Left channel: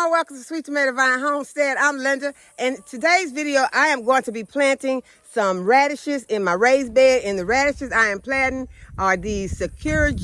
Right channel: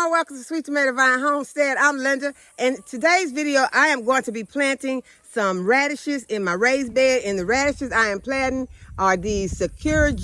warm welcome to Sweet Tomato Vine Homestead. I'm Linda, and today's video I am going to be planting some radishes in my raised bed. And the radishes I am planting are these Sakura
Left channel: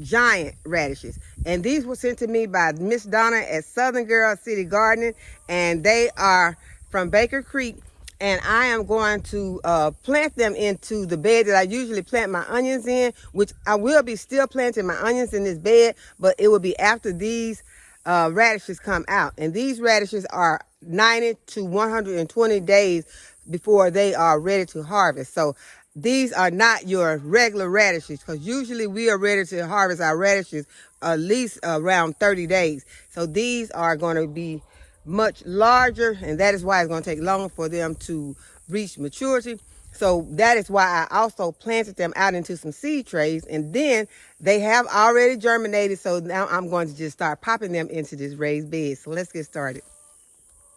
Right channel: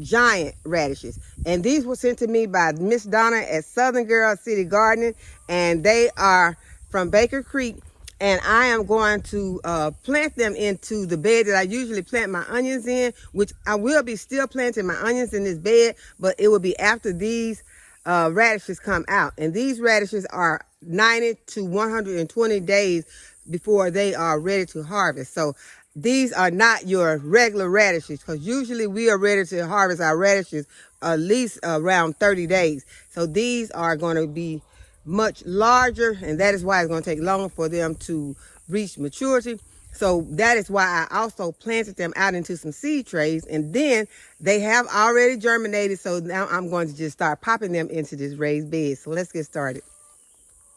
giant radishes, and these were sent to me by Miss Donna at Southern Girl City Gardening, and they are from Baker Creek. And I am going to plant them into the bed that I usually plant my onions in, which I will be still planting my onions in this bed, but it will be after these radishes come out. And these radishes are 90 to 120 days before they are ready to harvest. So these are not your regular radishes, because usually we are ready to harvest our radishes at least around 30 days. So these are going to be much larger, and that is why it's going to take longer for them to reach maturity. So that is why I also planted them out into some seed trays, and then they have already germinated. So now I'm going to just start popping them into this raised bed. So let's get started.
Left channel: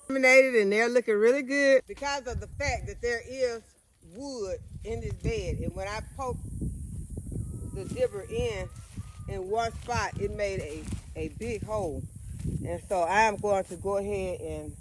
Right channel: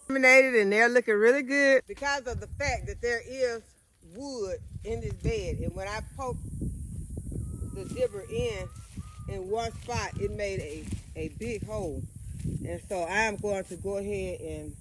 Germinated, and they're looking really good because of the fact that there is wood in this bed. And when I poked the dibber in one spot, it made a big hole. And so I am going to go ahead and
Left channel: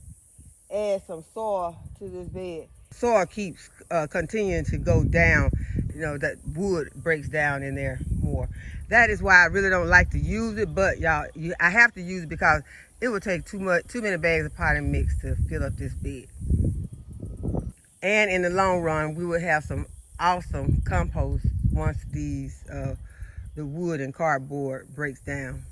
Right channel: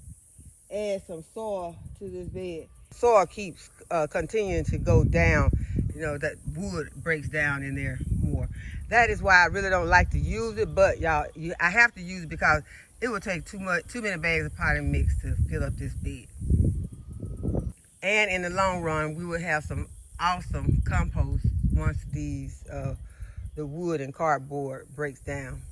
add some soil to this bed. Soil keeps continuing to go down. You know, that wood breaks down in there more. That is why I really don't like to use it, but y'all, I have to use it because it would take too many bags of potting mix to fill up this bed. And in the long run, we will have some awesome compost once the wood and cardboard breaks down.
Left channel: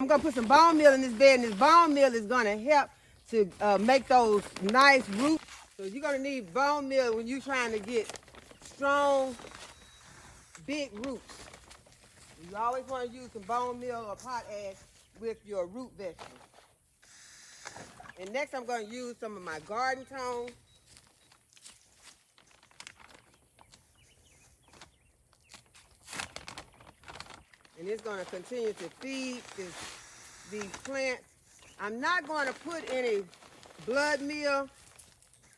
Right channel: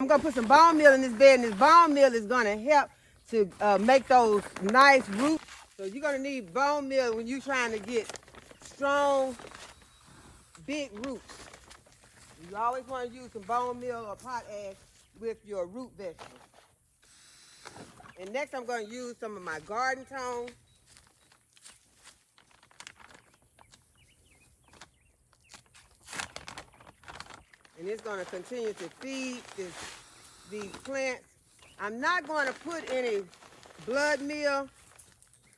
I'm gonna put some bone meal in this bed, and this bone meal is gonna help to make those nice roots. So you're gonna need bone meal when you're trying to get strong, big roots. You always wanna use some bone meal or potash with your root vegetables. And next I'm gonna use some of my garden tone. And it's going to continue to feed these plants. I'm not going to put any blood meal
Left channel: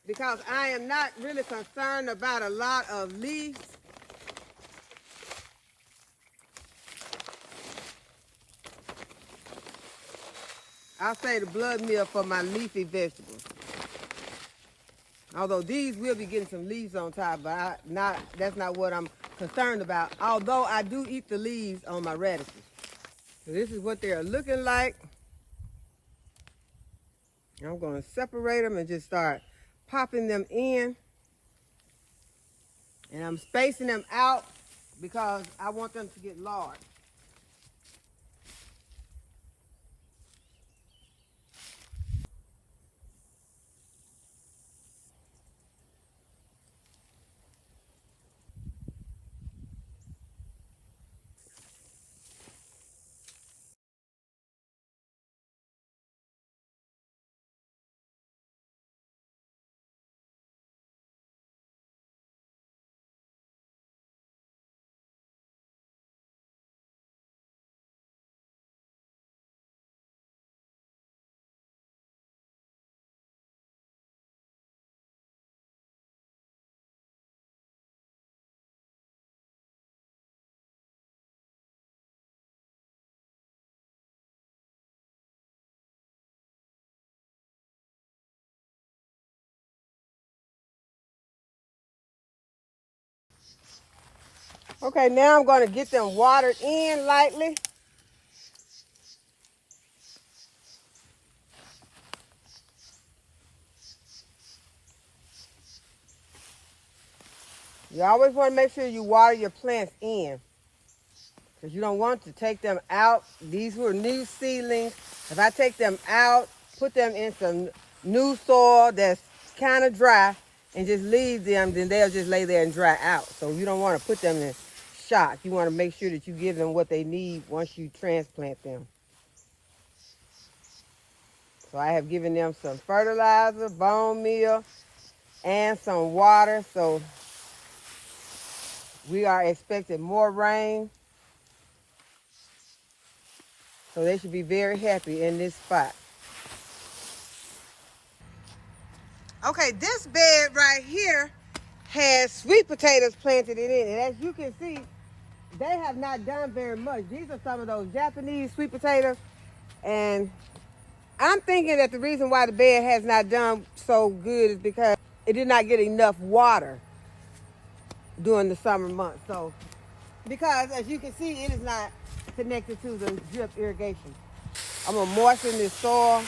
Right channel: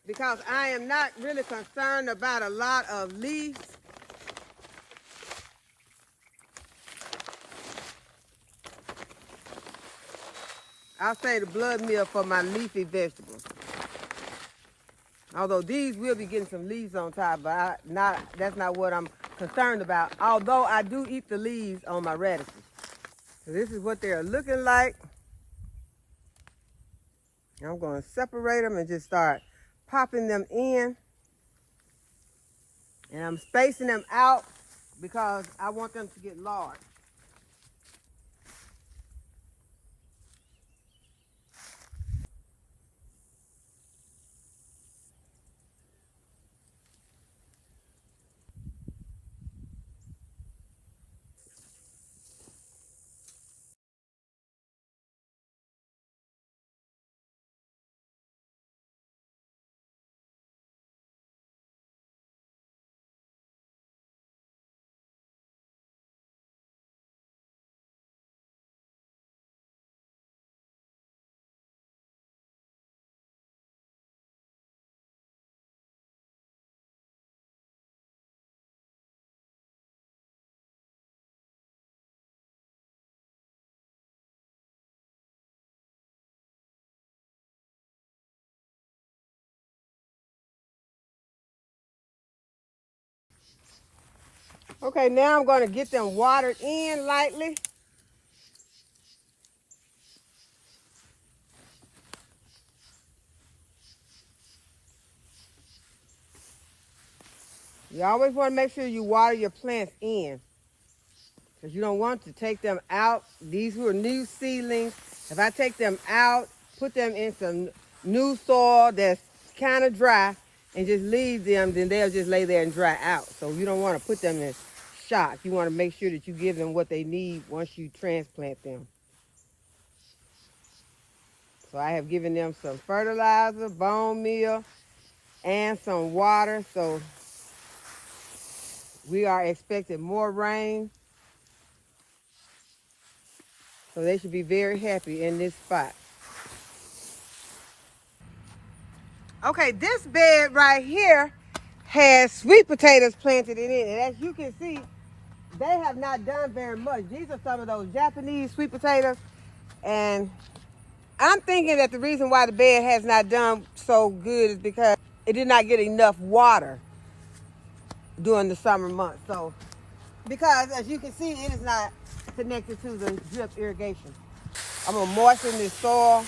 because I am not really concerned about a lot of leaves. I'll say the blood meal for my leafy vegetables. Although these will be getting some leaves on top, but that's not what I'm concerned about. Although I do eat the leaves on my radishes. So this is what they're looking like. I'm going to separate them and just start popping them in. And I'm spacing them out because I want them to get large. Okay, now I'm going to get them watered in lightly. You always want to make sure you water your plants in, because you don't want to take them out. These were new seedlings. If I take them out, put them in some new soil that's kind of dry, and just leave them, then they'll just lay there and dry out. So you don't want to put them in shock. You want to make sure that you give them what they need once you transplant them. So I have given them some fertilizer, bone meal, and some water. So we are expecting more rain. So they should be very happy in this spot. Okay, this bed right here has sweet potatoes planted in it. And as you can see, they have not done very much. These are some of those Japanese sweet potatoes. And I'm thinking that the reason why the bed has not done so good is because it did not get enough water during the summer months. So, because as you can see, it is not connected to the drip irrigation. I'm gonna moisten this soil.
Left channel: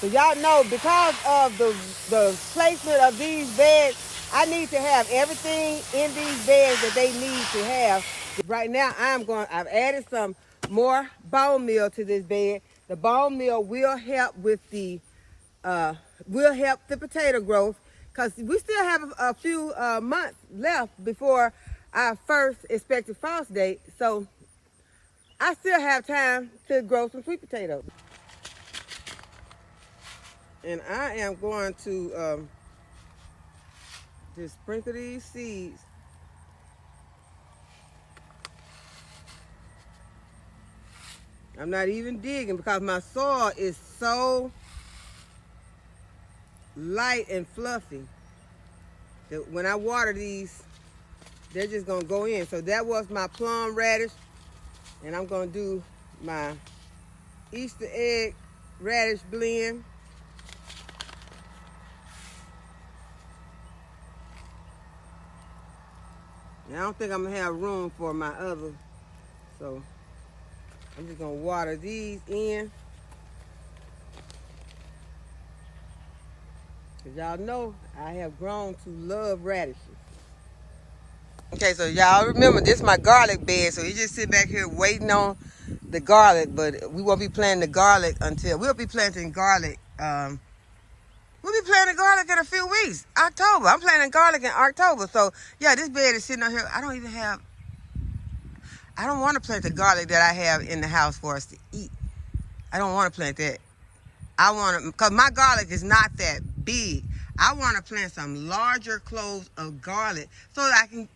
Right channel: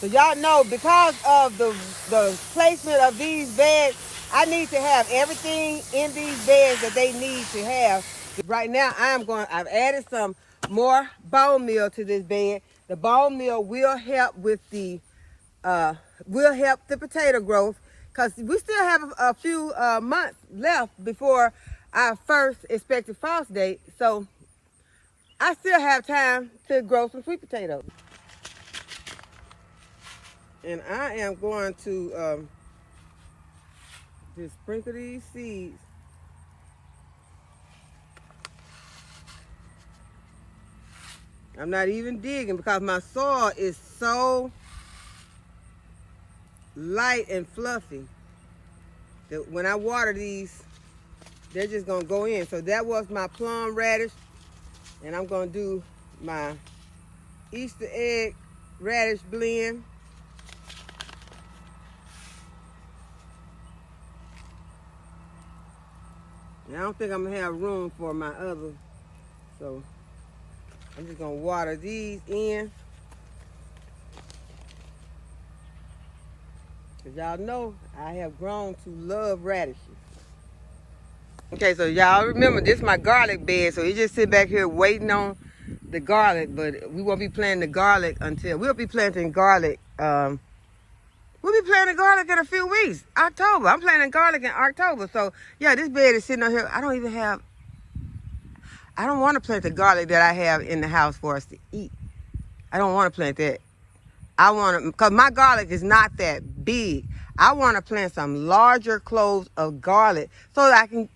So y'all know, because of the placement of these beds, I need to have everything in these beds that they need to have. Right now, I've added some more bone meal to this bed. The bone meal will help with the potato growth, because we still have a few months left before our first expected frost date. So I still have time to grow some sweet potatoes. And I am going to just sprinkle these seeds. I'm not even digging because my soil is so light and fluffy that when I water these, they're just gonna go in. So that was my plum radish, and I'm gonna do my Easter egg radish blend. Now, I don't think I'm gonna have room for my other, so I'm just gonna water these in. Cause y'all know I have grown to love radishes. Okay, so y'all remember this is my garlic bed, so you just sit back here waiting on the garlic, but we won't be planting the garlic until, we'll be planting garlic, we'll be planting garlic in a few weeks, October. I'm planting garlic in October, so yeah, this bed is sitting on here. I don't want to plant the garlic that I have in the house for us to eat. I don't want to plant that. I want to, because my garlic is not that big. I want to plant some larger cloves of garlic so that I can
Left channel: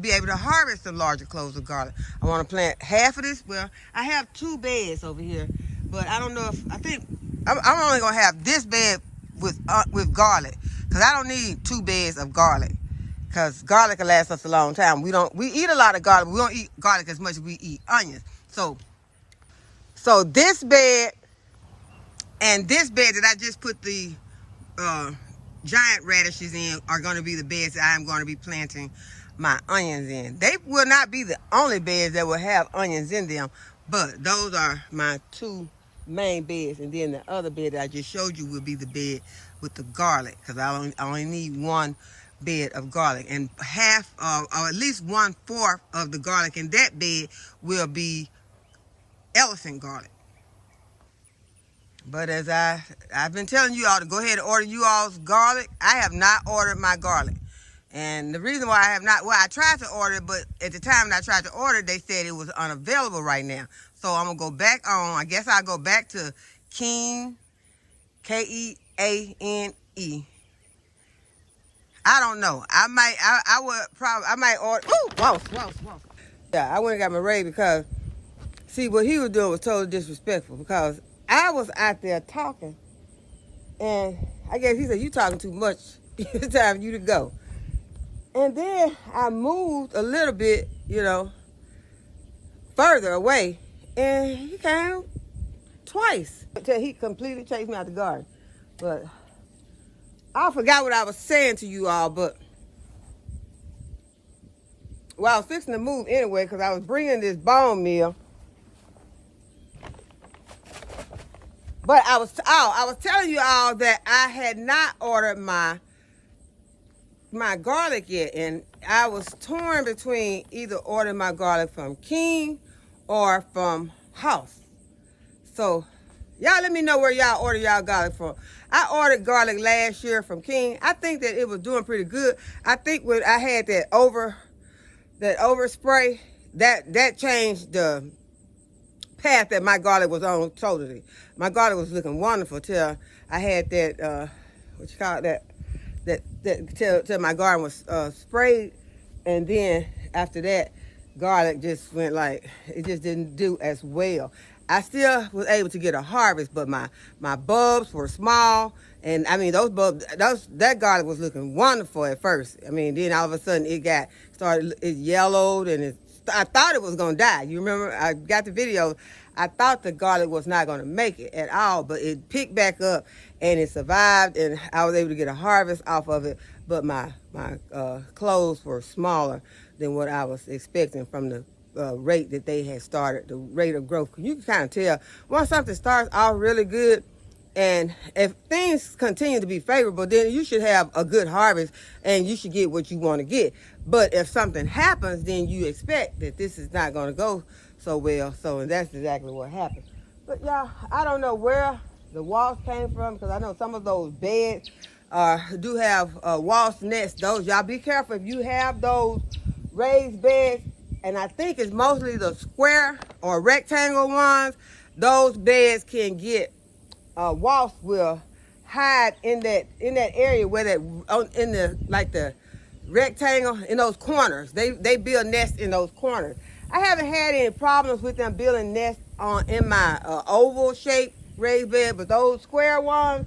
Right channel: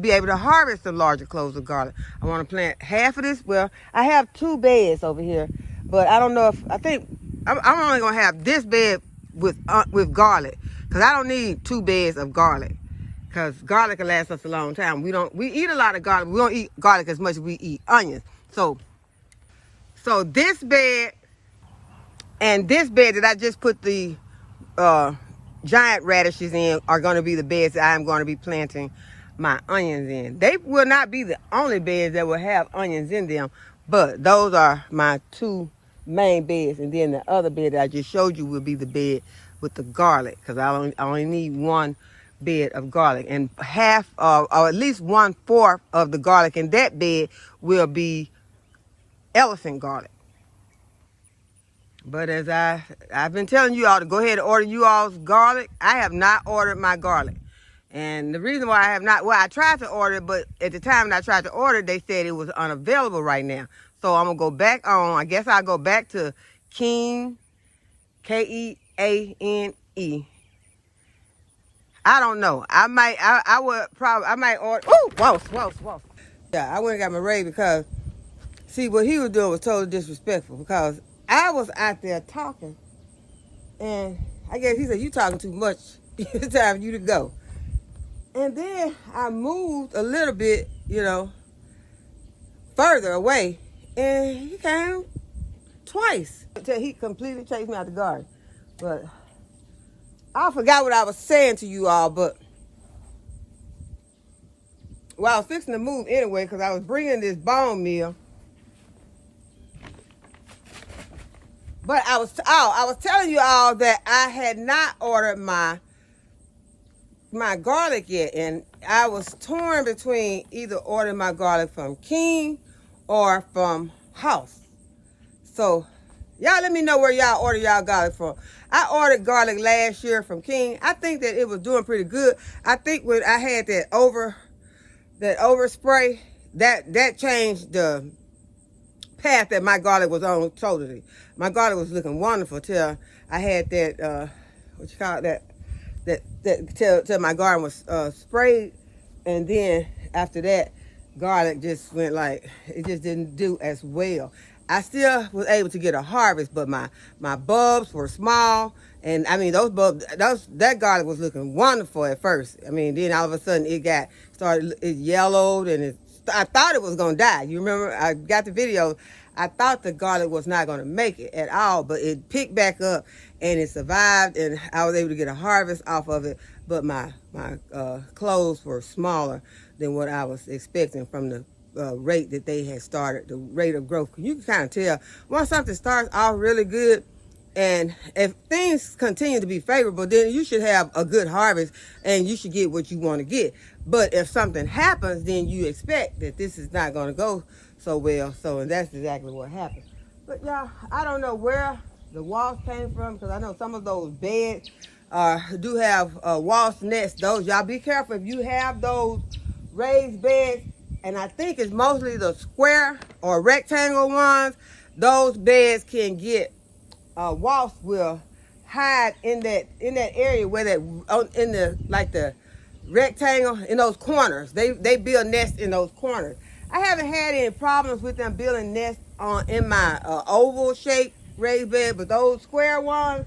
be able to harvest some larger cloves of garlic. I want to plant half of this. Well, I have 2 beds over here, but I don't know if, I think I'm only going to have this bed with garlic, because I don't need 2 beds of garlic, because garlic will last us a long time. We eat a lot of garlic. We don't eat garlic as much as we eat onions. So this bed and this bed that I just put the giant radishes in are going to be the beds that I'm going to be planting my onions in. They will not be the only beds that will have onions in them, but those are my 2 main beds. And then the other bed that I just showed you will be the bed with the garlic, because I only need 1 bed of garlic, and half or at least 1/4 of the garlic in that bed will be elephant garlic. But as I've been telling you all to go ahead and order you all's garlic, I have not ordered my garlic. And the reason why I have not, well, I tried to order it, but at the time that I tried to order it, they said it was unavailable right now. So I'm going to go back on, I guess I'll go back to Keane, Keane. I don't know. I might order, oh, whoa. Yeah, I went and got my raid because, see, what he was doing was totally disrespectful, because I was out there talking, and I guess he said, you talking too much. It's time for you to go. And then I moved a little bit, further away, and he came twice until he completely chased me out the garden. But I forgot what I was saying to you all, but well, I was fixing to move anyway, because I was bringing this bone meal. But I was telling you all that I had not ordered my garlic yet, and I was torn between either ordering my garlic from King or from House. So y'all let me know where y'all order y'all garlic from. I ordered garlic last year from King. I think that it was doing pretty good. I think when I had that overspray, that changed the path that my garlic was on totally. My garlic was looking wonderful till I had that till my garden was sprayed, and then after that, garlic just went like, it just didn't do as well. I still was able to get a harvest, but my bulbs were small. And I mean, those bulbs, that garlic was looking wonderful at first. I mean, then all of a sudden it yellowed, and I thought it was going to die. You remember, I got the video. I thought the garlic was not going to make it at all, but it picked back up and it survived, and I was able to get a harvest off of it. But my cloves were smaller than what I was expecting from the rate that they had started, the rate of growth. You can kind of tell once something starts off really good, and if things continue to be favorable, then you should have a good harvest and you should get what you want to get. But if something happens, then you expect that this is not going to go so well. And that's exactly what happened. But y'all, I don't know where the wasp came from, because I know some of those beds do have wasp nests. Those, y'all be careful if you have those raised beds. And I think it's mostly the square or rectangle ones. Those beds can get wasps will hide in that area where in the rectangle, in those corners. They build nests in those corners. I haven't had any problems with them building nests in my oval shaped raised bed, but those square ones,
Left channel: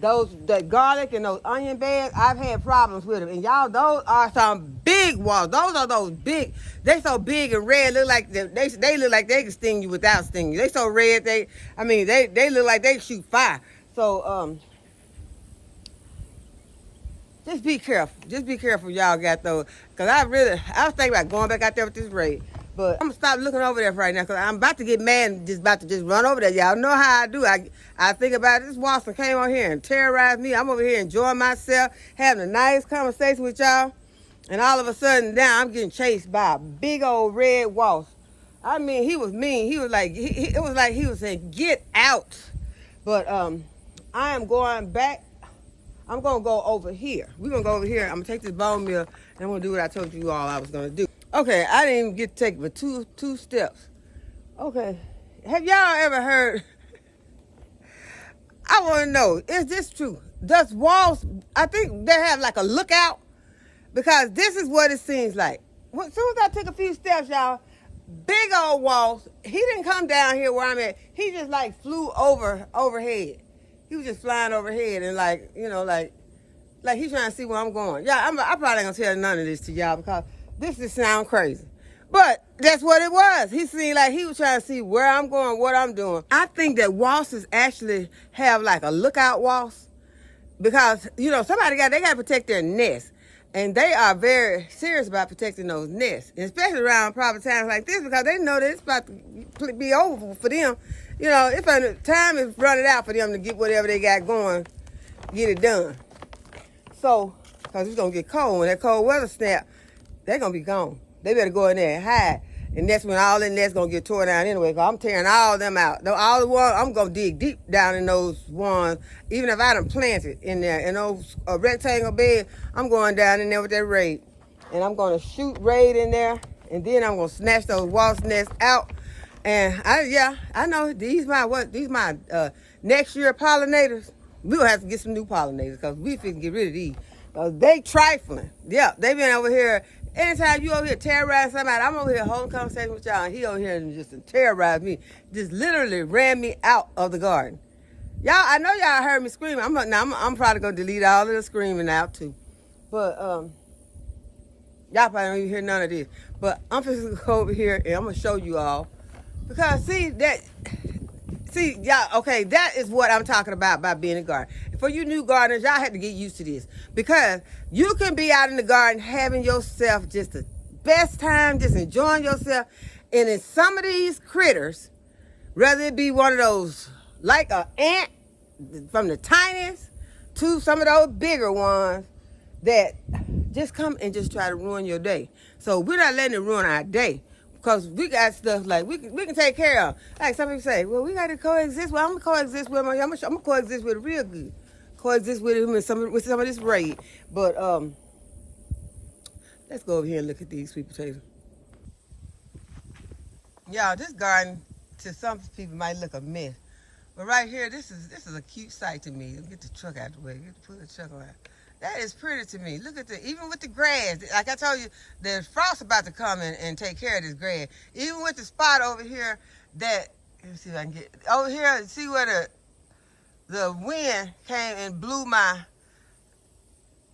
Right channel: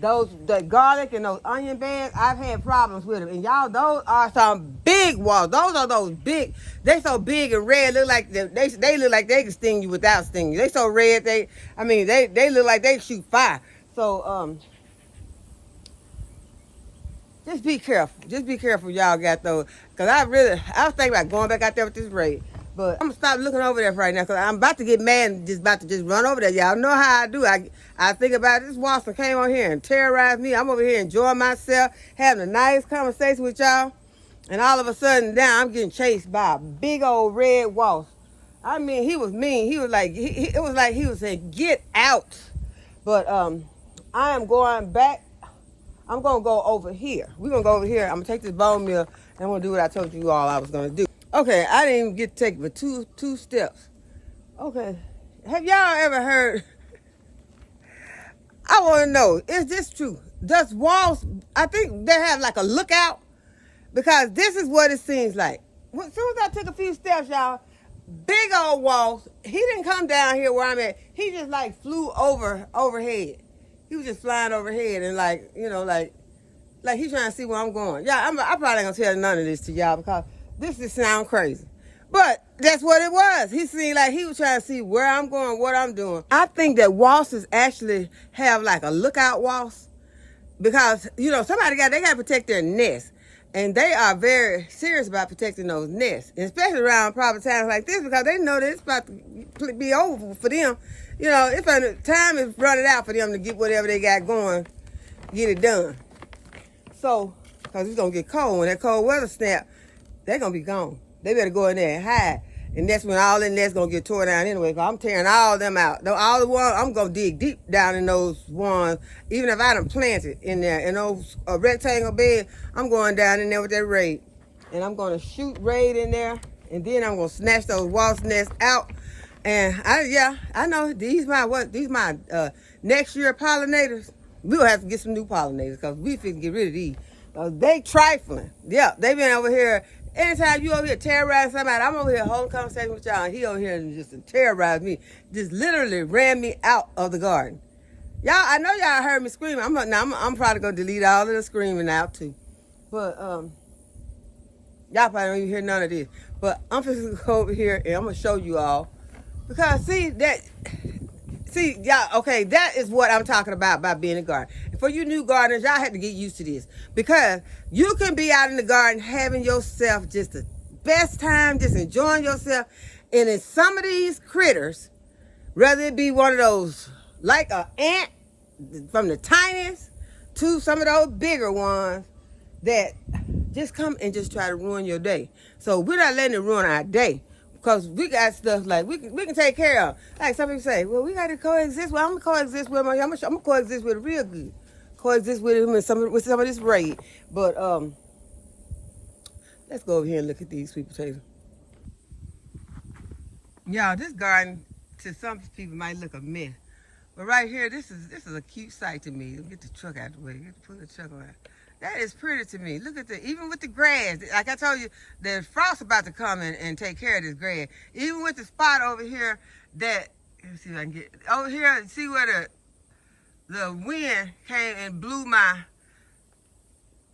the garlic and those onion beds, I've had problems with them. And y'all, those are some big wasps. Those are those big. They so big and red. Look like they look like they can sting you without stinging you. They so red. They look like they shoot fire. So just be careful. Just be careful, y'all got those. Cause I was thinking about going back out there with this raid. But I'm gonna stop looking over there right now, because I'm about to get mad and about to run over there. Y'all know how I do. I think about it. This wasp came on here and terrorized me. I'm over here enjoying myself, having a nice conversation with y'all. And all of a sudden now I'm getting chased by a big old red wasp. I mean, he was mean. He was like, it was like he was saying, get out. But I am going back. I'm gonna go over here. We're gonna go over here. I'm gonna take this bone meal and I'm gonna do what I told you all I was gonna do. Okay, I didn't even get to take but two steps. Okay, have y'all ever heard? I want to know, is this true? Does wasps, I think they have like a lookout, because this is what it seems like. As soon as I took a few steps, y'all, big old wasp, he didn't come down here where I'm at. He just like flew overhead. He was just flying overhead and like he's trying to see where I'm going. Yeah, I probably ain't gonna tell none of this to y'all, because this just sound crazy. But that's what it was. He seemed like he was trying to see where I'm going, what I'm doing. I think that wasps actually have like a lookout wasp, because, they got to protect their nest. And they are very serious about protecting those nests, and especially around proper times like this, because they know that it's about to be over for them. Time is running out for them to get whatever they got going, get it done. So, because it's going to get cold. When that cold weather snap, they're going to be gone. They better go in there and hide. And that's when all the nests going to get torn down anyway, because I'm tearing all of them out. All the ones, I'm going to dig deep down in those ones. Even if I done planted in there, in those rectangle bed, I'm going down in there with that raid. And I'm going to shoot raid in there. And then I'm going to snatch those wasp nests out. And I know these my next year pollinators. We'll have to get some new pollinators, because we finna get rid of these. They trifling. Yeah, they been over here. Anytime you over here terrorizing somebody, I'm over here holding conversation with y'all, and he over here and just terrorized me. Just literally ran me out of the garden. Y'all, I know y'all heard me screaming. I'm probably gonna delete all of the screaming out too. But y'all probably don't even hear none of this. But I'm just gonna go over here and I'm gonna show you all. Because y'all, okay, that is what I'm talking about by being a gardener. And for you new gardeners, y'all have to get used to this. Because you can be out in the garden having yourself just the best time, just enjoying yourself. And in some of these critters, whether it be one of those, like an ant, from the tiniest to some of those bigger ones, that just come and just try to ruin your day. So we're not letting it ruin our day. Because we got stuff like we can take care of. Like some people say, well, we got to coexist. Well, I'm going to coexist with him. I'm going to coexist with it real good. Coexist with him with some of this raid. But let's go over here and look at these sweet potatoes. Y'all, this garden to some people might look a mess. But right here, this is a cute sight to me. Get the truck out of the way. Put the truck around. That is pretty to me. Look at even with the grass. Like I told you, the frost about to come and take care of this grass. Even with the spot over here that Let me see if I can get over here. See where the wind came and blew my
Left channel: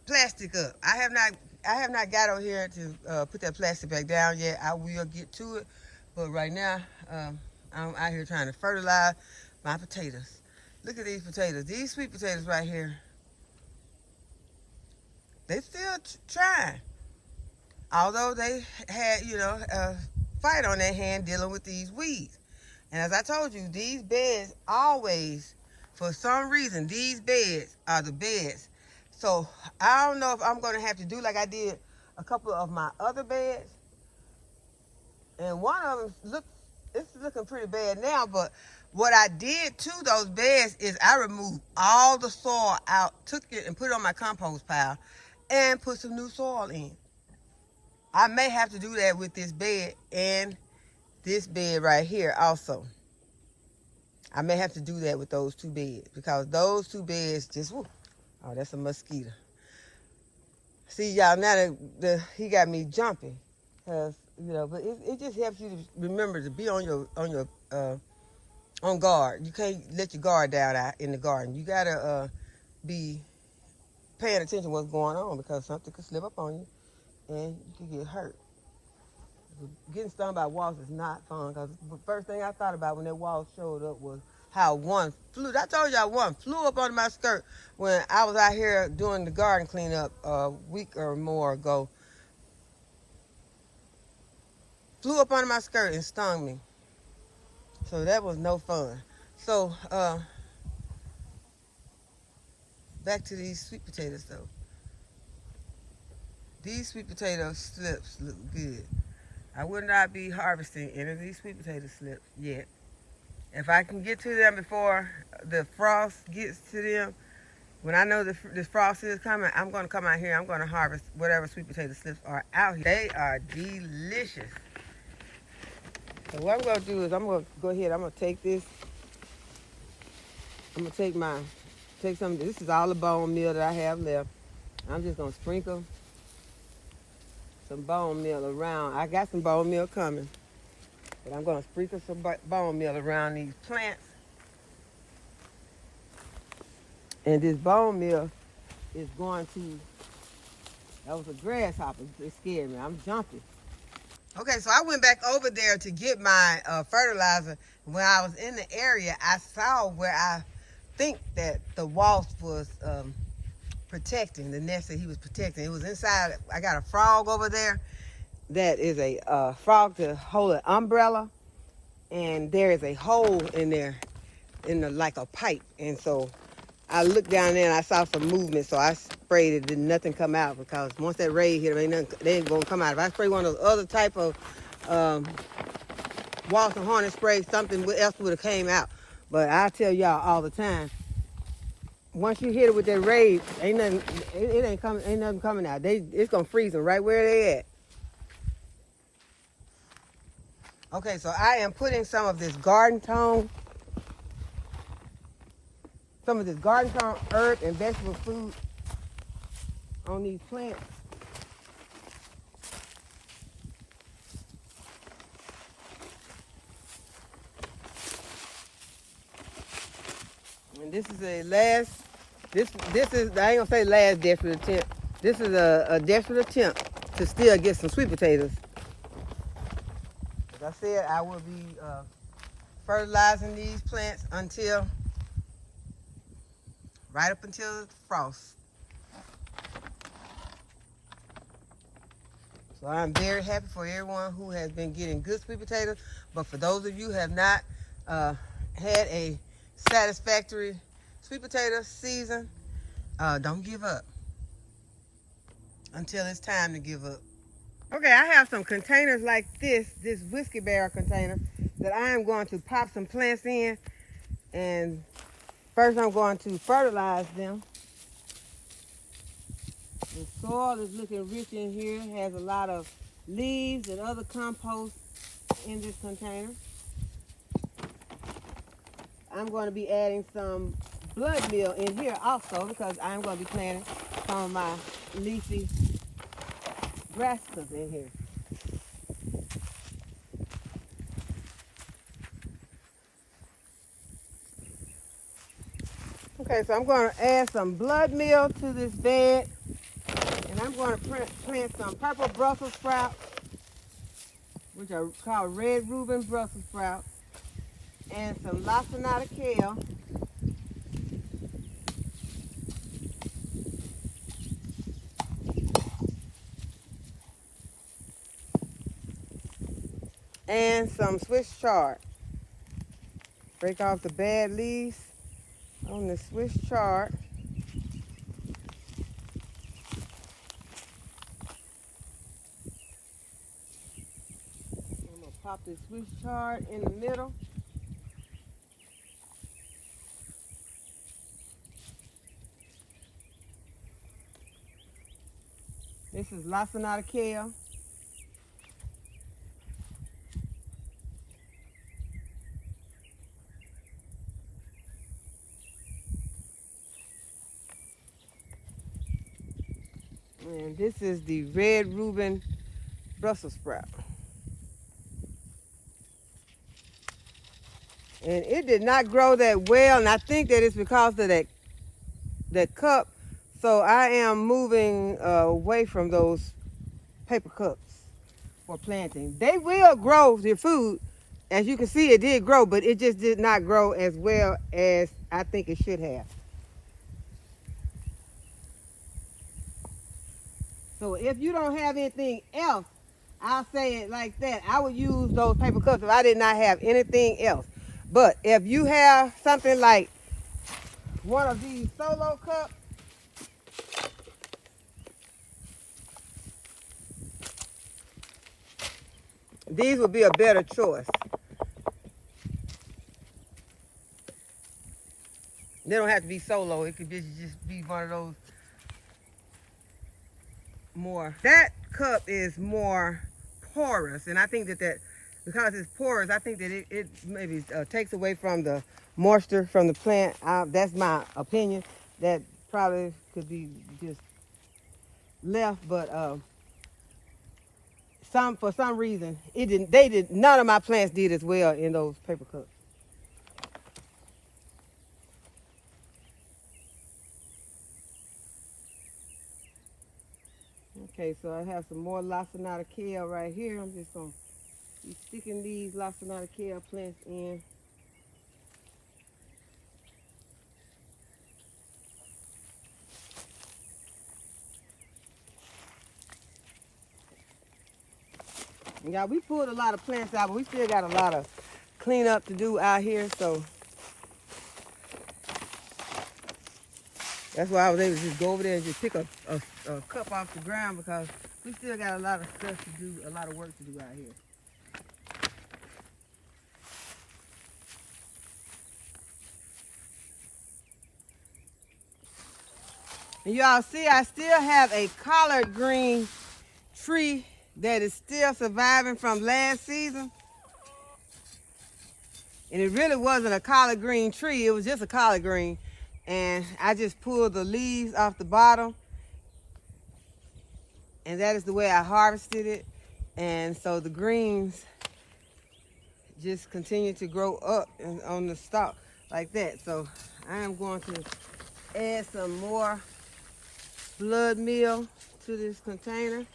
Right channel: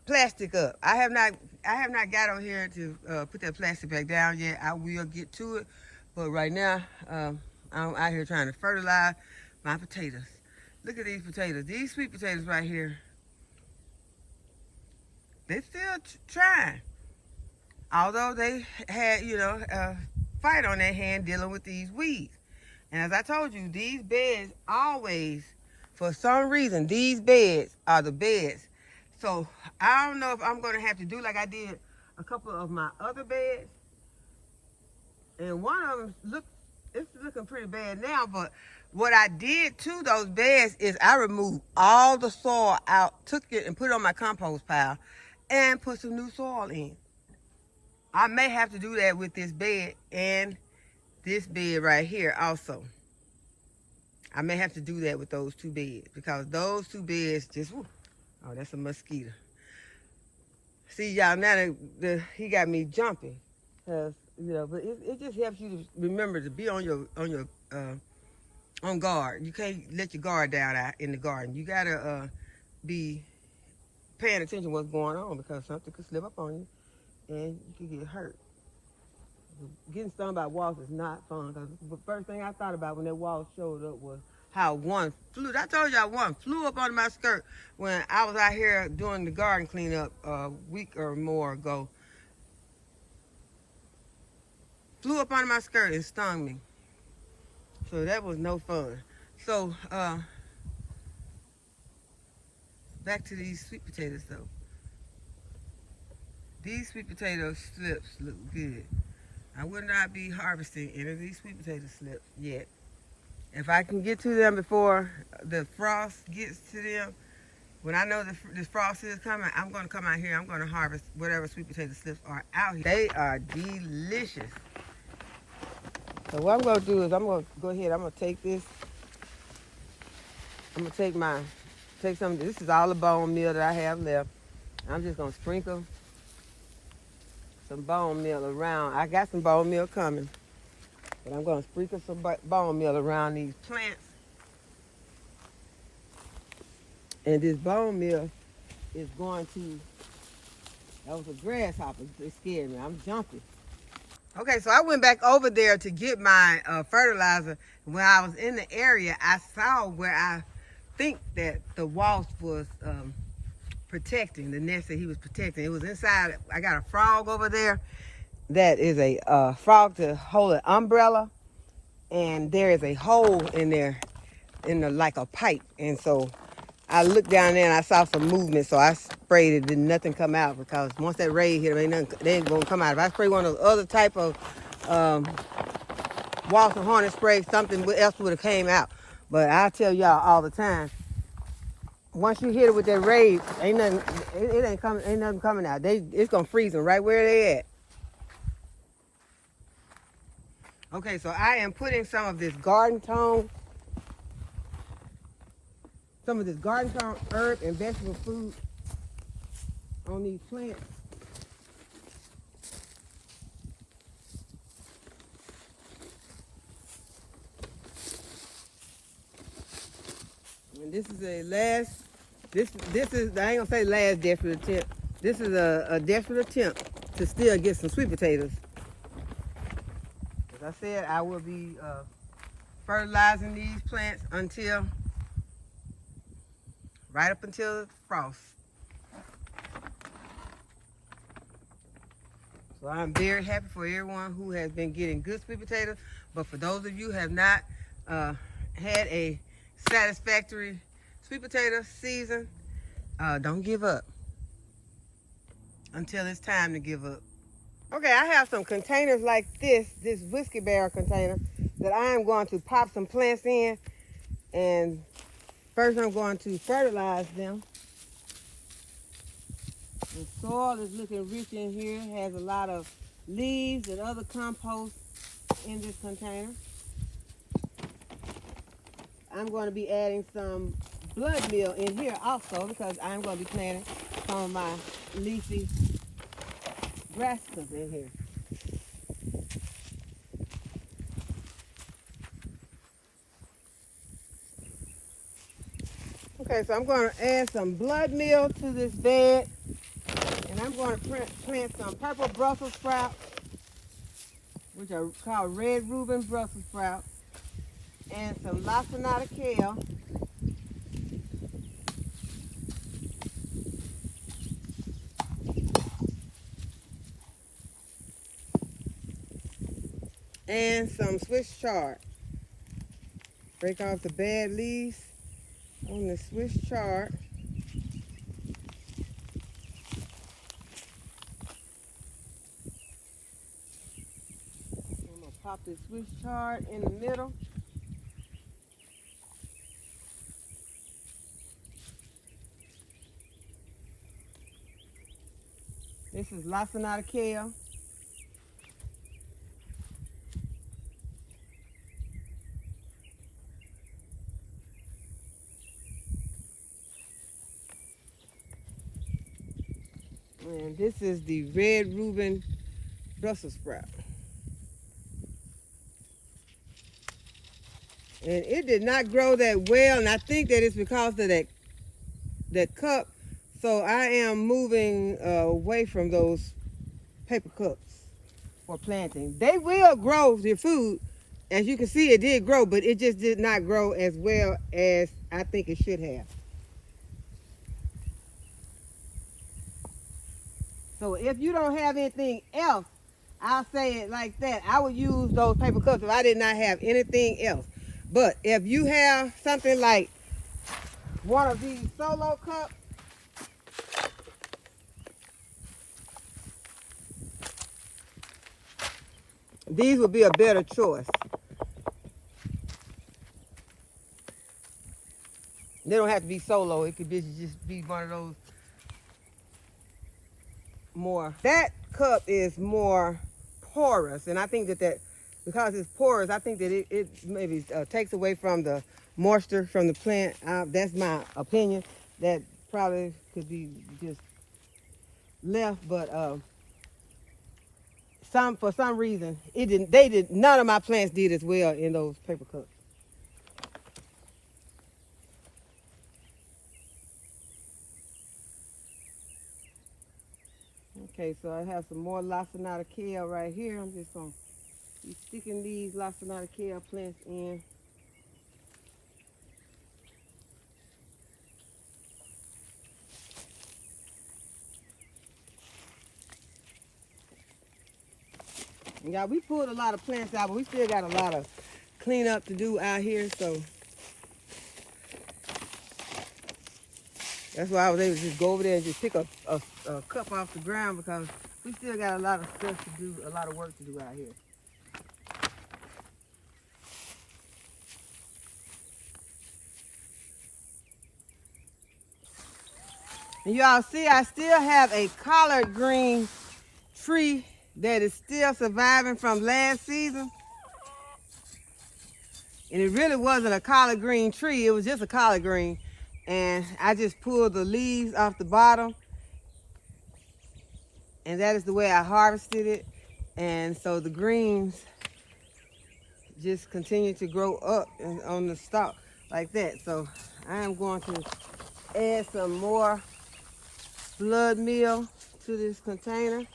plastic up. I have not got over here to put that plastic back down yet. I will get to it, but right now I'm out here trying to fertilize my potatoes. Look at these potatoes. These sweet potatoes right here. They still trying, although they had a fight on their hand dealing with these weeds. And as I told you, these beds always, for some reason, these beds are the beds. So I don't know if I'm going to have to do like I did a couple of my other beds. And one of them it's looking pretty bad now, but what I did to those beds is I removed all the soil out, took it and put it on my compost pile, and put some new soil in. I may have to do that with this bed and this bed right here also. I may have to do that with those two beds because those two beds just, whoo, oh, that's a mosquito. See, y'all, now he got me jumping. But it just helps you to remember to be on guard. You can't let your guard down out in the garden. You gotta be paying attention to what's going on because something could slip up on you and you could get hurt. Getting stung by wasps is not fun because the first thing I thought about when that wasp showed up was how one flew. I told y'all one flew up under my skirt when I was out here doing the garden cleanup a week or more ago. Flew up under my skirt and stung me. So that was no fun. So back to these sweet potatoes though. These sweet potato slips look good. I would not be harvesting any of these sweet potato slips yet. If I can get to them before the frost gets to them, when I know this frost is coming, I'm going to come out here. I'm going to harvest whatever sweet potato slips are out here. They are delicious. So what I'm going to do is I'm going to go ahead. I'm going to take this. I'm going to take some. This is all the bone meal that I have left. I'm just going to sprinkle some bone meal around. I got some bone meal coming. And I'm going to sprinkle some bone meal around these plants. And this bone meal is going to, that was a grasshopper. It scared me. I'm jumping. Okay, so I went back over there to get my fertilizer. When I was in the area, I saw where I think that the wasp was protecting, the nest that he was protecting. It was inside. I got a frog over there that is a frog to hold an umbrella, and there is a hole in there, like a pipe. And so I looked down there and I saw some movement, so I sprayed it. Did nothing come out because once that raid hit them, they ain't gonna come out. If I spray one of the other type of wasp and hornet spray, something else would have came out. But I'll tell y'all all the time, once you hit it with that raid, ain't nothing. It ain't coming. Ain't nothing coming out. It's gonna freeze them right where they at. Okay, so I am putting some of this garden tone, herb and vegetable food on these plants. And this is a last. This is, I ain't gonna say last desperate attempt. This is a desperate attempt to still get some sweet potatoes. As I said, I will be fertilizing these plants right up until frost. So I'm very happy for everyone who has been getting good sweet potatoes. But for those of you who have not had a satisfactory sweet potato season, don't give up until it's time to give up. Okay, I have some containers like this whiskey barrel container that I am going to pop some plants in. And first I'm going to fertilize them. The soil is looking rich in here. It has a lot of leaves and other compost in this container. I'm going to be adding some blood meal in here also because I'm going to be planting some of my leafy Brassicas in here. Okay, so I'm going to add some blood meal to this bed, and I'm going to plant some purple Brussels sprouts, which are called red Reuben Brussels sprouts, and some lacinato kale, and some Swiss chard. Break off the bad leaves on the Swiss chard. I'm going to pop this Swiss chard in the middle. This is lacinato kale. And this is the red Reuben Brussels sprout. And it did not grow that well, and I think that it's because of that cup. So I am moving away from those paper cups for planting. They will grow your food. As you can see, it did grow, but it just did not grow as well as I think it should have. So if you don't have anything else, I'll say it like that. I would use those paper cups if I did not have anything else. But if you have something like one of these solo cups, these would be a better choice. They don't have to be solo. It could just be one of those more. That cup is more porous, and I think that because it's porous, I think that it maybe takes away from the moisture from the plant. That's my opinion. That probably could be just left, but for some reason none of my plants did as well in those paper cups. Okay, so I have some more lacinato kale right here. I'm just going to be sticking these lacinato kale plants in. And y'all, we pulled a lot of plants out, but we still got a lot of cleanup to do out here, so that's why I was able to just go over there and just pick a cup off the ground, because we still got a lot of stuff to do, a lot of work to do out here. And y'all see, I still have a collard green tree that is still surviving from last season. And it really wasn't a collard green tree, it was just a collard green. And I just pulled the leaves off the bottom. And that is the way I harvested it. And so the greens just continue to grow up on the stalk like that. So I am going to add some more blood meal to this container.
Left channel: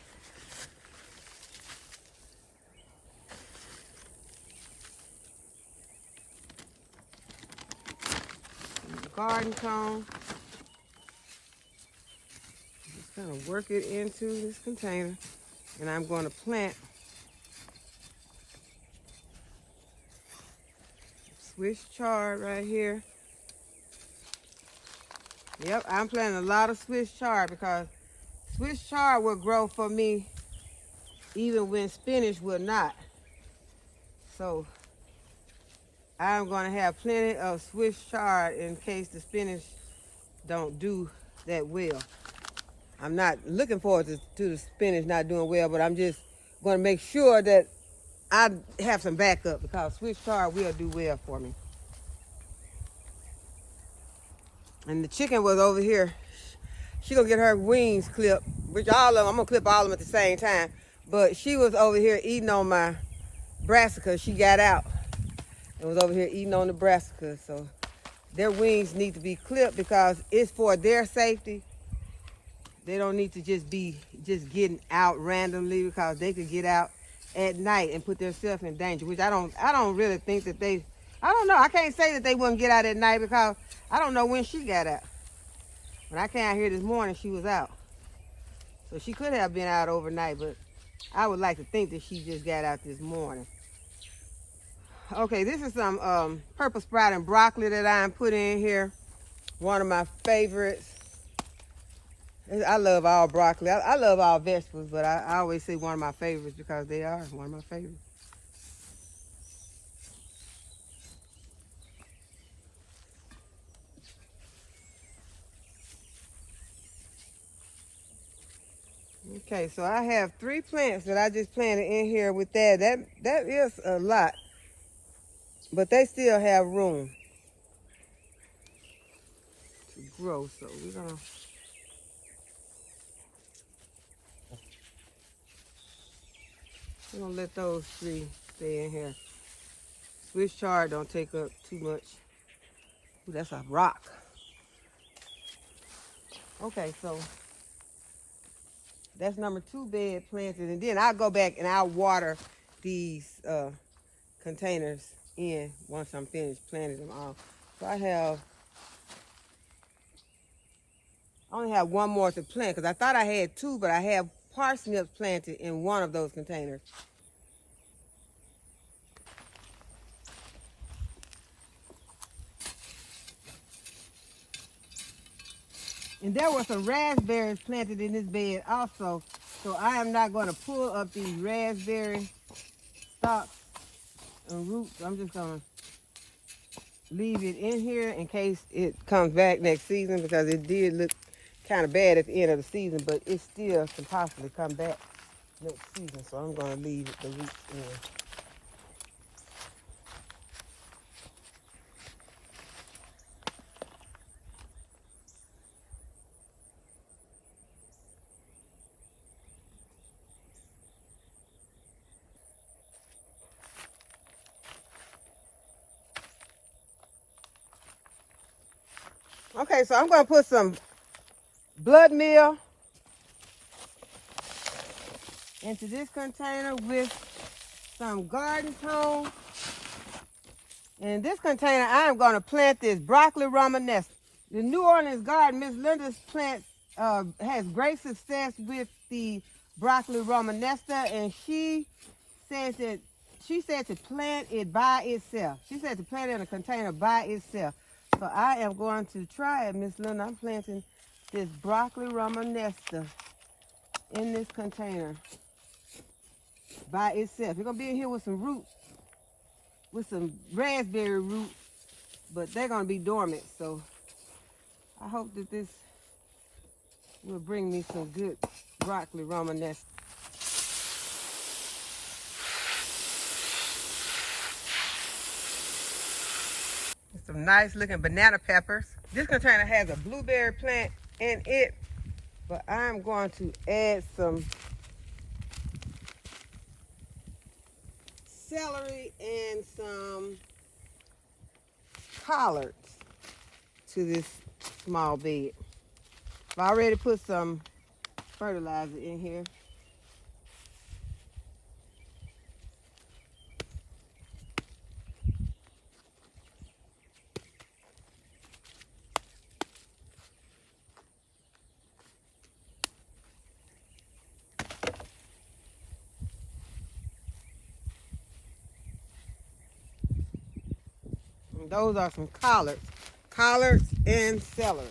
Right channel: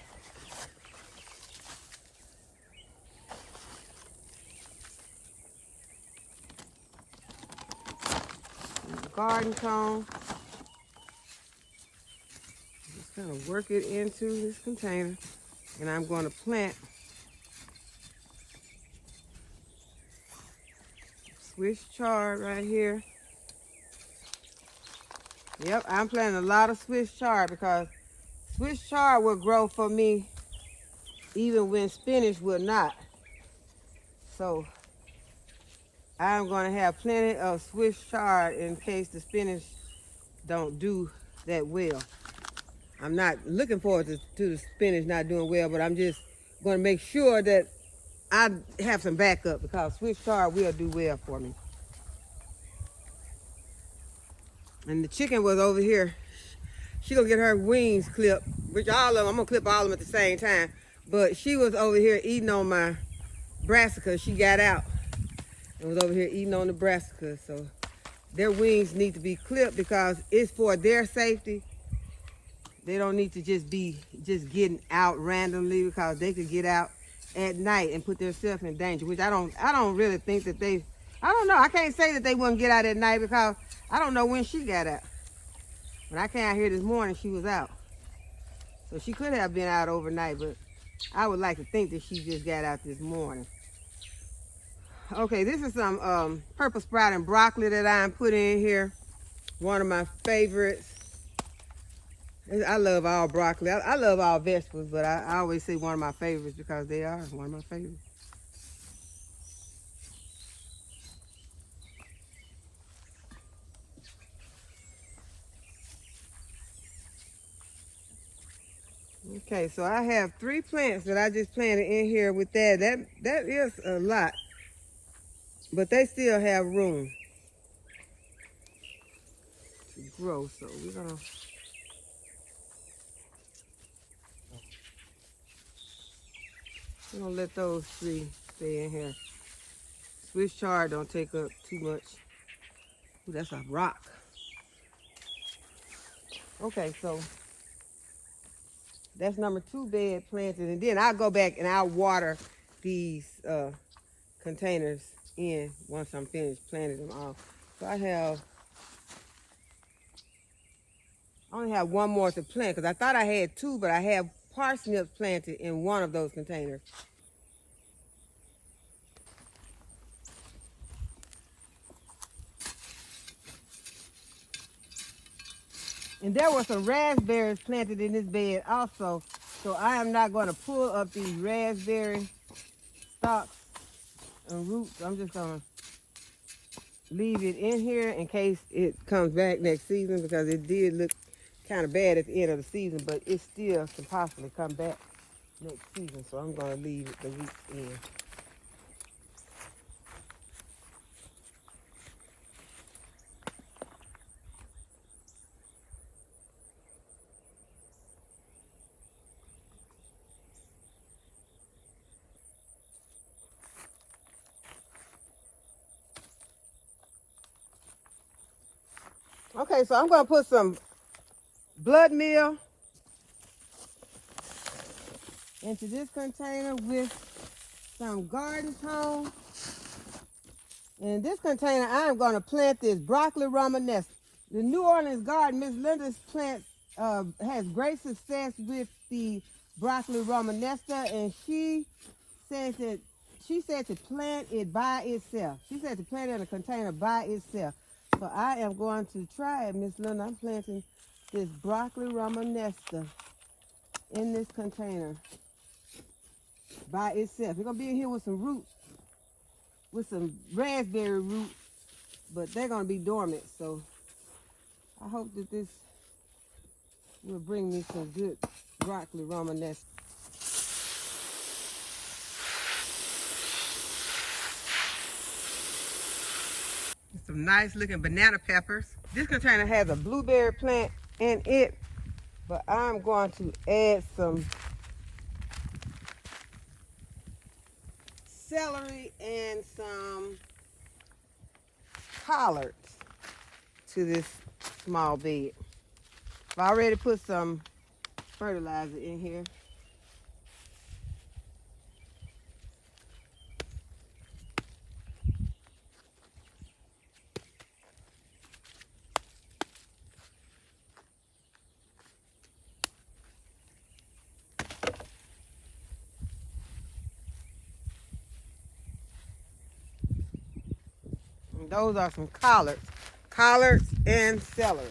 Garden cone. Just kind of work it into this container, and I'm going to plant Swiss chard right here. Yep, I'm planting a lot of Swiss chard because Swiss chard will grow for me even when spinach will not. So I'm going to have plenty of Swiss chard in case the spinach don't do that well. I'm not looking forward to the spinach not doing well, but I'm just going to make sure that I have some backup, because Swiss chard will do well for me. And the chicken was over here. She gonna get her wings clipped, which all of them, I'm gonna clip all of them at the same time. But she was over here eating on my brassicas. She got out and was over here eating on the brassicas. So their wings need to be clipped because it's for their safety. They don't need to just be getting out randomly, because they could get out at night and put themselves in danger, which I don't really think that I don't know. I can't say that they wouldn't get out at night, because I don't know when she got out. When I came out here this morning, she was out. So she could have been out overnight, but I would like to think that she just got out this morning. Okay, this is some purple sprouting broccoli that I'm putting in here. One of my favorites. I love all broccoli. I love all vegetables, but I always say one of my favorites because they are one of my favorites. Okay, so I have 3 plants that I just planted in here with that. That is a lot, but they still have room to grow. So we're gonna let those 3 stay in here. Swiss chard don't take up too much. Ooh, that's a rock. Okay, so that's number 2 bed planted, and then I'll go back and I'll water these containers in once I'm finished planting them all. So I only have 1 more to plant, because I thought I had 2, but I have parsnips planted in one of those containers. And there were some raspberries planted in this bed also. So I am not going to pull up these raspberry stalks and roots. I'm just going to leave it in here in case it comes back next season, because it did look kind of bad at the end of the season, but it still could possibly come back next season. So I'm going to leave the roots in. Okay, so I'm going to put some blood meal into this container with some garden tone. In this container, I am going to plant this broccoli Romanesco. The New Orleans garden, Miss Linda's plant has great success with the broccoli Romanesco, and she said to plant it by itself. She said to plant it in a container by itself. So I am going to try it, Miss Linda. I'm planting this broccoli Romanesco in this container by itself. It's going to be in here with some roots, with some raspberry roots, but they're going to be dormant. So I hope that this will bring me some good broccoli Romanesco. Some nice looking banana peppers. This container has a blueberry plant in it, but I'm going to add some celery and some collards to this small bed. I've already put some fertilizer in here. Those are some collards and celery.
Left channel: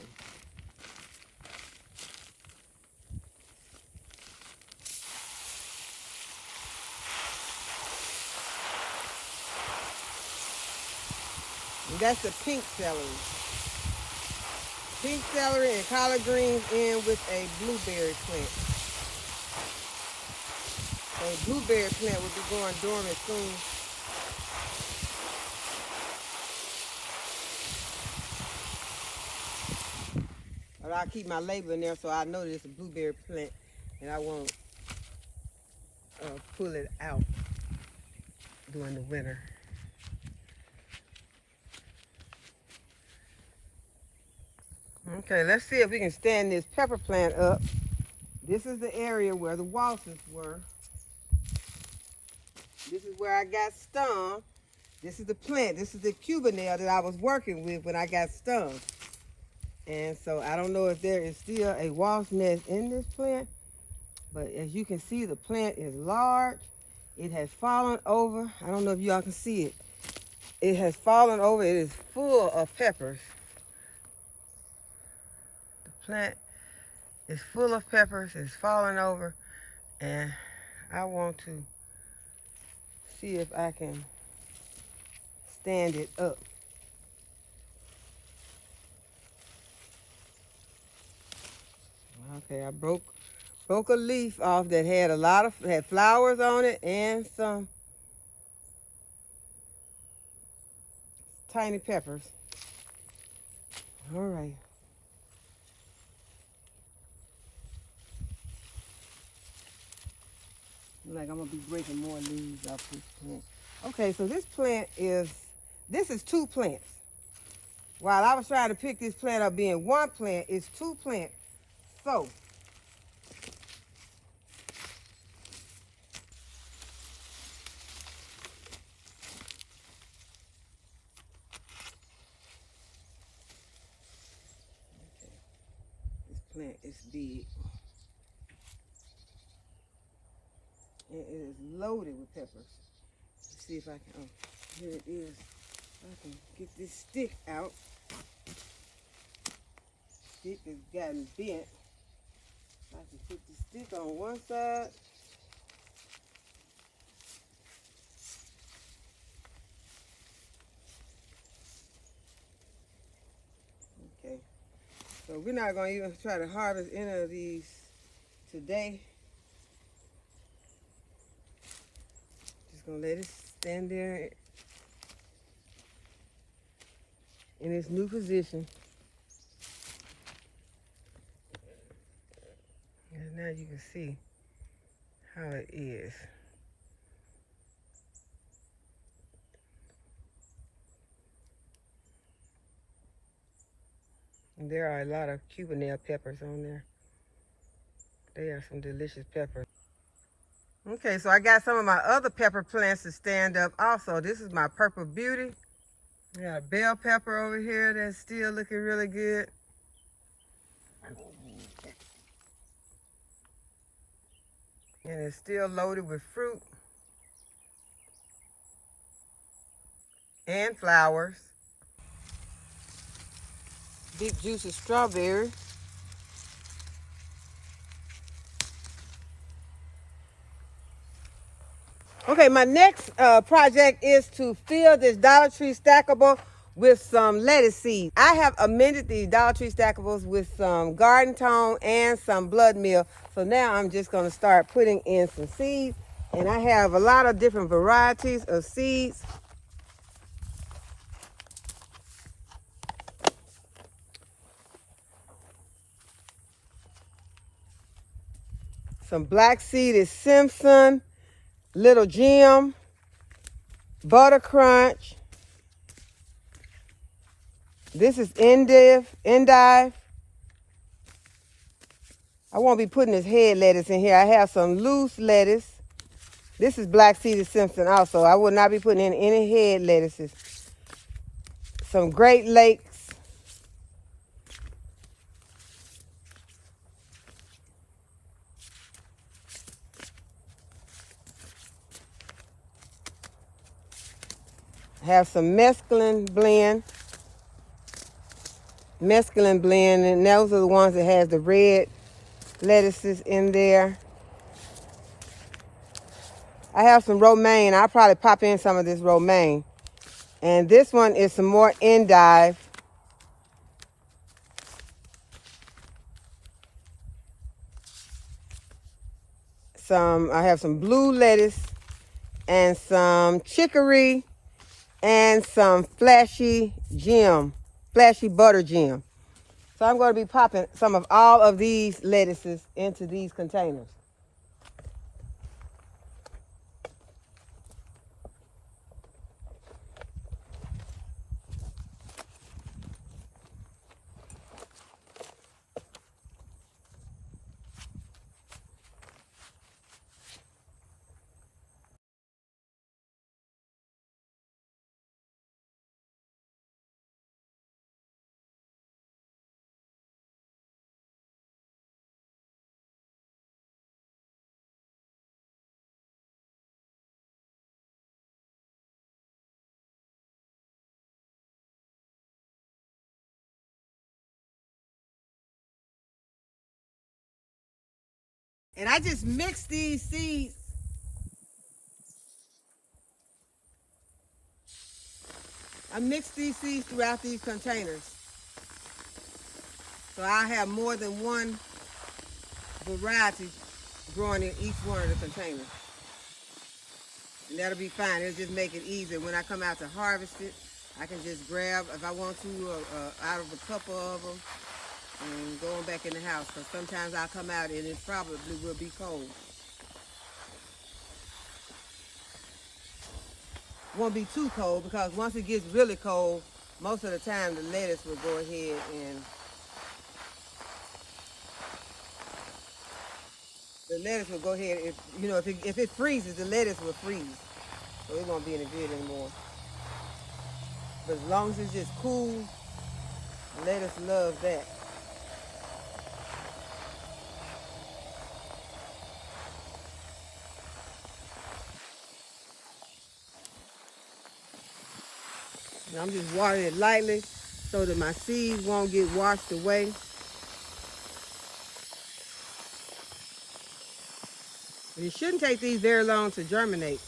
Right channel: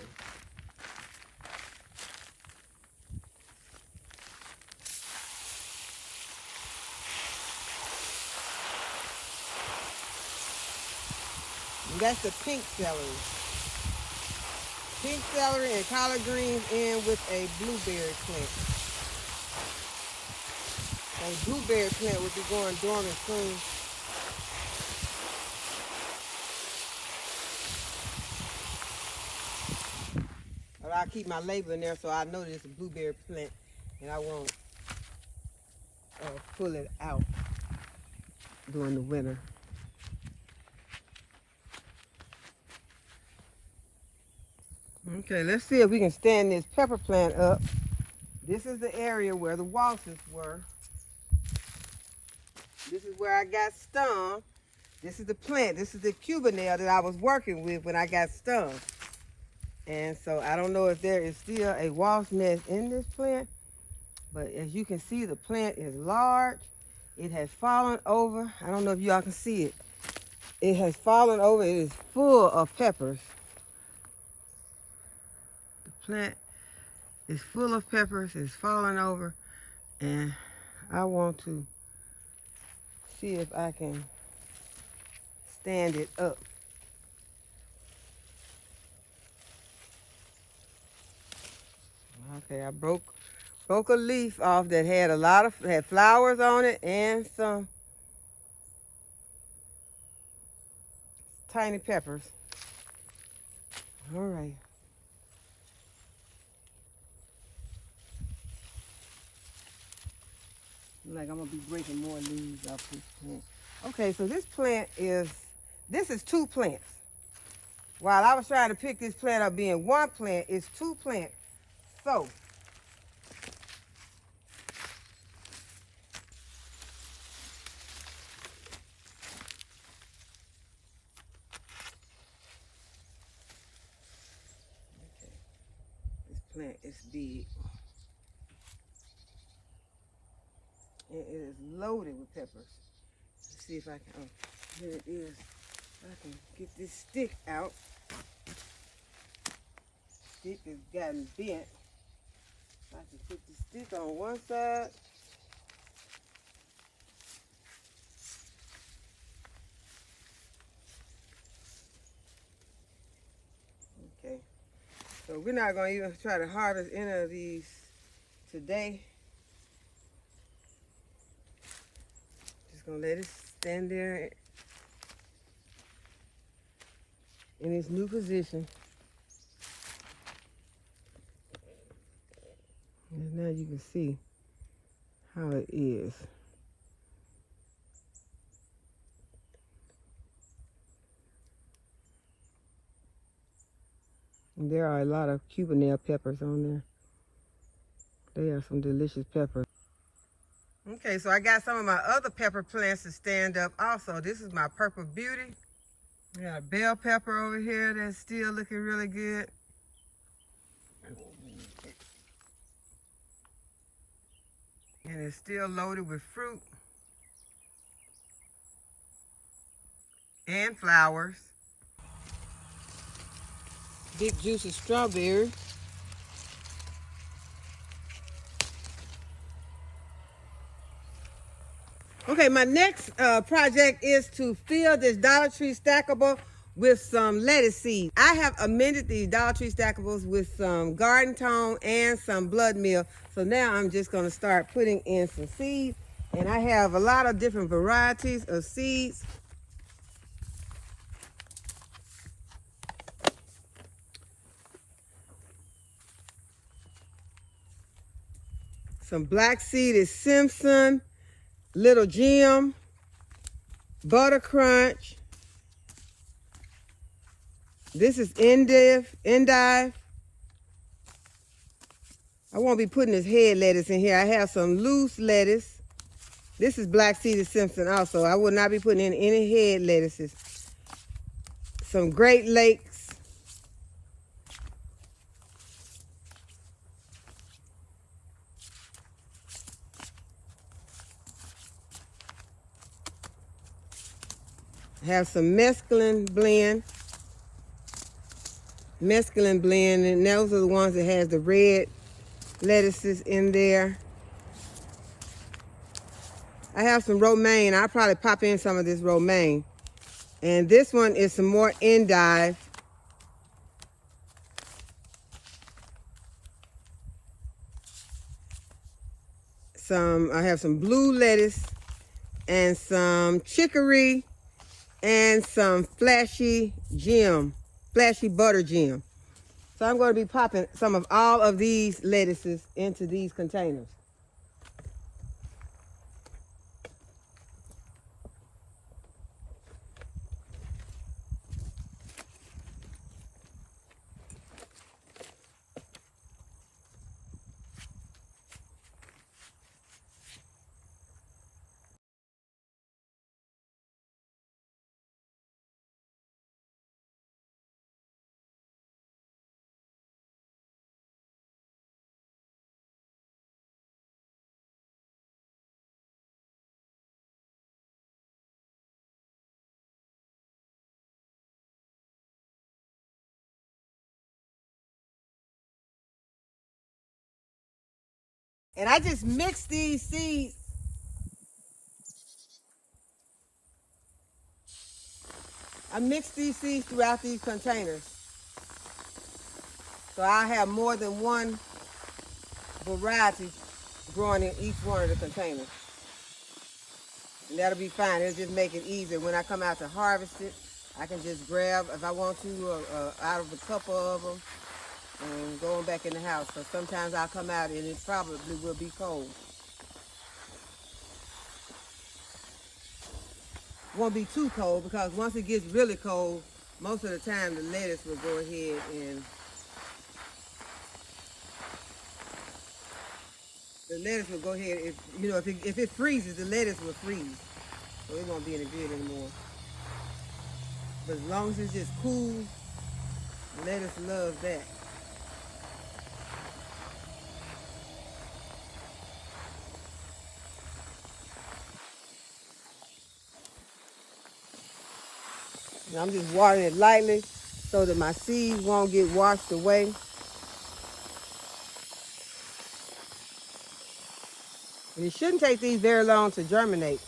And that's the pink celery. Pink celery and collard greens in with a blueberry plant. And the blueberry plant will be going dormant soon. I'll keep my label in there so I know that it's a blueberry plant and I won't pull it out during the winter. Okay, let's see if we can stand this pepper plant up. This is the area where the wasps were. This is where I got stung. This is the plant. This is the cubanelle that I was working with when I got stung. And so I don't know if there is still a wasp nest in this plant, but as you can see, the plant is large. It has fallen over. I don't know if y'all can see it. It has fallen over. It is full of peppers. The plant is full of peppers. It's falling over, and I want to see if I can stand it up. Okay, I broke a leaf off that had had flowers on it and some tiny peppers. All right. Like I'm gonna be breaking more leaves off this plant. Okay, so this is two plants. While I was trying to pick this plant up being one plant, it's two plants. So this plant is big. And it is loaded with peppers. Let's see if I can, oh, here it is. If I can get this stick out. Stick has gotten bent. I can put the stick on one side. Okay. So we're not going to even try to harvest any of these today. Just going to let it stand there in its new position. And now you can see how it is. And there are a lot of cubanelle peppers on there. They are some delicious peppers. Okay, so I got some of my other pepper plants to stand up also. This is my Purple Beauty. I got a bell pepper over here that's still looking really good. And it's still loaded with fruit and flowers. Big juicy strawberry. Okay, my next project is to fill this Dollar Tree stackable with some lettuce seeds. I have amended these Dollar Tree stackables with some garden tone and some blood meal. So now I'm just going to start putting in some seeds. And I have a lot of different varieties of seeds. Some black seed is Simpson, Little Jim, Butter Crunch. This is Endive. I won't be putting this head lettuce in here. I have some loose lettuce. This is black seeded Simpson also. I will not be putting in any head lettuces. Some Great Lakes. Have some mesclun blend, and those are the ones that has the red lettuces in there. I have some romaine. I'll probably pop in some of this romaine. And this one is some more endive. I have some blue lettuce and some chicory and some flashy butter gem. So I'm going to be popping some of all of these lettuces into these containers. And I just mix these seeds. I mix these seeds throughout these containers. So I have more than one variety growing in each one of the containers. And that'll be fine. It'll just make it easier. When I come out to harvest it, I can just grab, if I want to, out of a couple of them and go on back in the house. Because sometimes I'll come out and it probably will be cold. Won't be too cold, because once it gets really cold, most of the time the lettuce will go ahead and if it freezes, the lettuce will freeze. So it won't be any good anymore. But as long as it's just cool, lettuce loves that. And I'm just watering it lightly so that my seeds won't get washed away. And it shouldn't take these very long to germinate.